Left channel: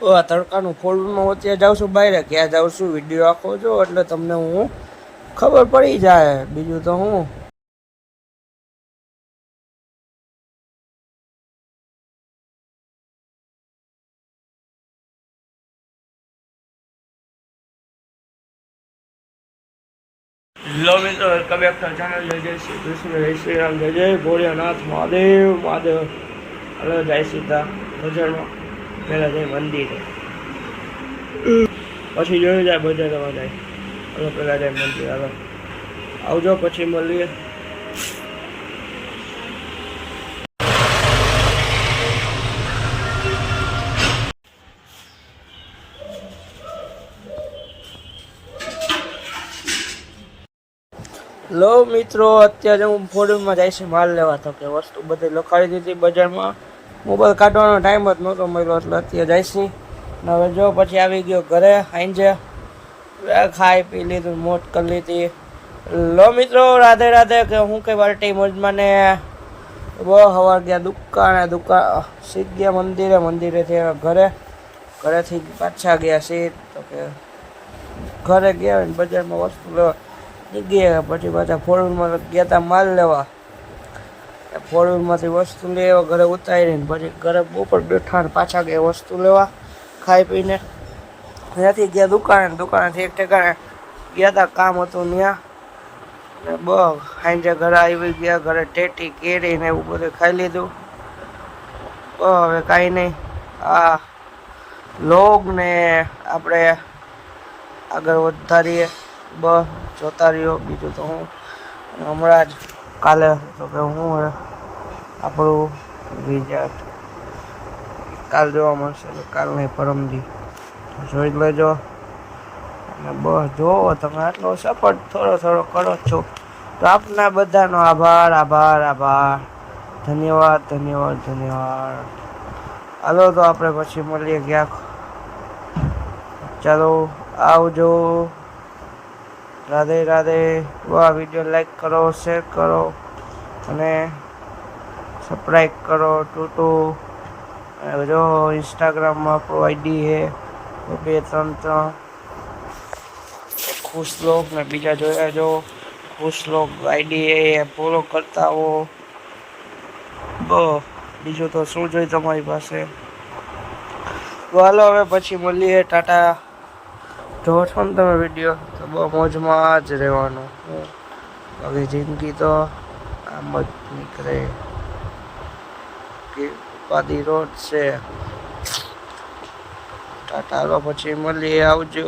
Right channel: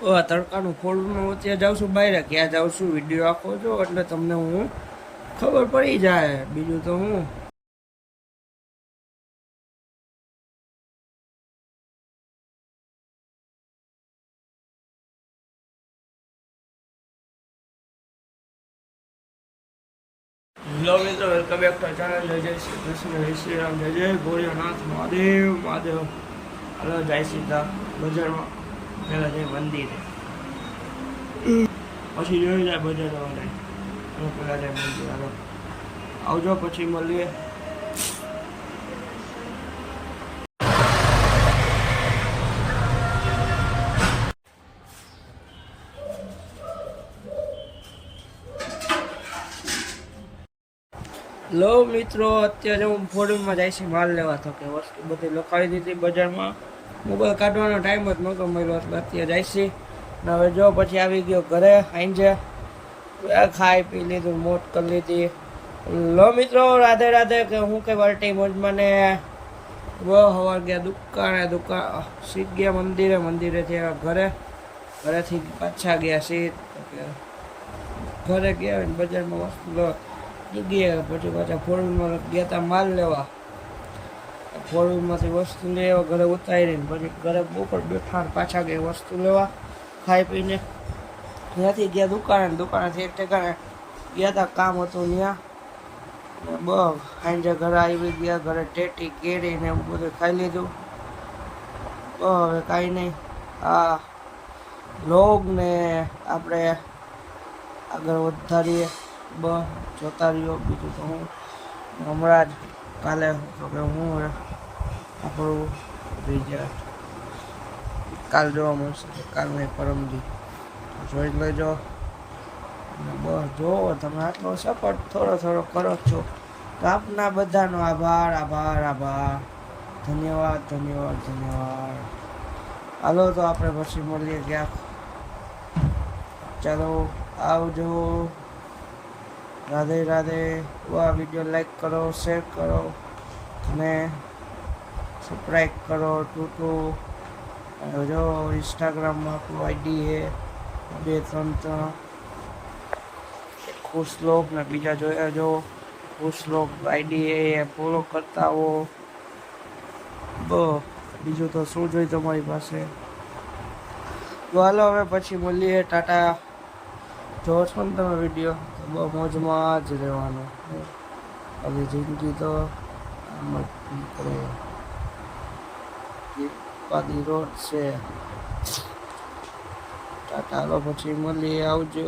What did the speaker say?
તડકાનું ફોલ્ડમાં અત્યારે જાઉં છું બહાર, ક્યાં જાઉં છું વિડીયો આખો જો એટલે તમને હું ખબર પડી જાય, બીજું તો હું. હેલો મિત્રો, વેલકમ બેક ટુ ચેનલ. જય જય શ્રી કૃષ્ણ, જય શ્રી રામ, જય જય ભોળિયાનાથ, મહાદેવ મહાદેવ. હવે જાય સીધા બજારમાં, પહેલાં જાય મંદિરે, પછી જોયું જાય બજારમાં જાય. હવે પહેલાં જાય મંદિર. હાલો આવજો, પછી મળીએ. લો મિત્રો, અત્યારે હું ફોરવ્હીલમાં જાય છે માલ લેવા. તો કે વસ્તુ બધી લખાવી દીધી બજારમાં, મોબાઈલ કાઢવાનો ટાઈમ જ નહોતો મળ્યો એટલે અત્યારે જાય છે. ને હવે જો પછી આવી ગયો ઘરે, આઈને ખાઈ પી લીધું, મોજ કરી લીધી. લો મિત્રો, રાધે રાધે. કે હું કે બાલ્ટી મોજમાં ને બહુ હવા ગયા દુકાન સીધ ગયા મંદિરેથી ઘરેથી પાછા ગયા સીધ. તો કે ઘરે ગયા બજારમાં વસ્તુ લેવા ગયા, પછી પાછા ફોરવ્હીલમાં ગયા હતા માલ લેવા. ફોરવ્હીલમાંથી વસ્તુ લેવા ઘરે ઉતારીને પછી ઘરે બપોર બેઠા પાછા ગયા વસ્તુ લેવા ખાઈ પીને. ત્યાંથી ગયા દુકાનેથી એક ઠેકાણે ગયા હતા, કામ હતું ત્યાં. ને ખાઈને ઘરે આવી ગયા, ઘરે ટેટી કેરી ને એવું બધું ખાઈ લીધું. હવે કાંઈ નહીં, આ લોગ ને આપણે આગળ વધારીએ, જોતા રહ્યો. બીજું તો હું હમણાં જ કાલે તો કે હું આપણું રિઝલ્ટ કાલ જોવા મળશે, તો કાલ નહીં પરમદી જોઈ લેજો. અને જોવો તમે આટલો સપોર્ટ થોડો કરો છો તો આપના બધાનો આભાર. ધન્યવાદ. હાલો તો આપણે પછી મળીએ ક્યાંક. ચાલો આવજો. રાધે રાધે. આ વિડીયો લાઈક કરો, શેર કરો અને સબસ્ક્રાઈબ કરો. જો ઇન્સ્ટાગ્રામમાં આપણું આઈડી છે 233 ખુશ લોગ ને બીજા જોયા જો ખુશ લોગ આઈડી એ ફોલો કરતા હો. બીજું તો શું જોઈએ તમારી પાસે. હાલો હવે પછી મળીએ, ટાટા. જો છો ને તમે વિડીયો તો બહુ મોજમાં જ રહેવાનું. હવે જિંદગી તો આમ જ નીકળે, પાદી રોડ છે. ટાટા. પછી મળીએ, આવજો.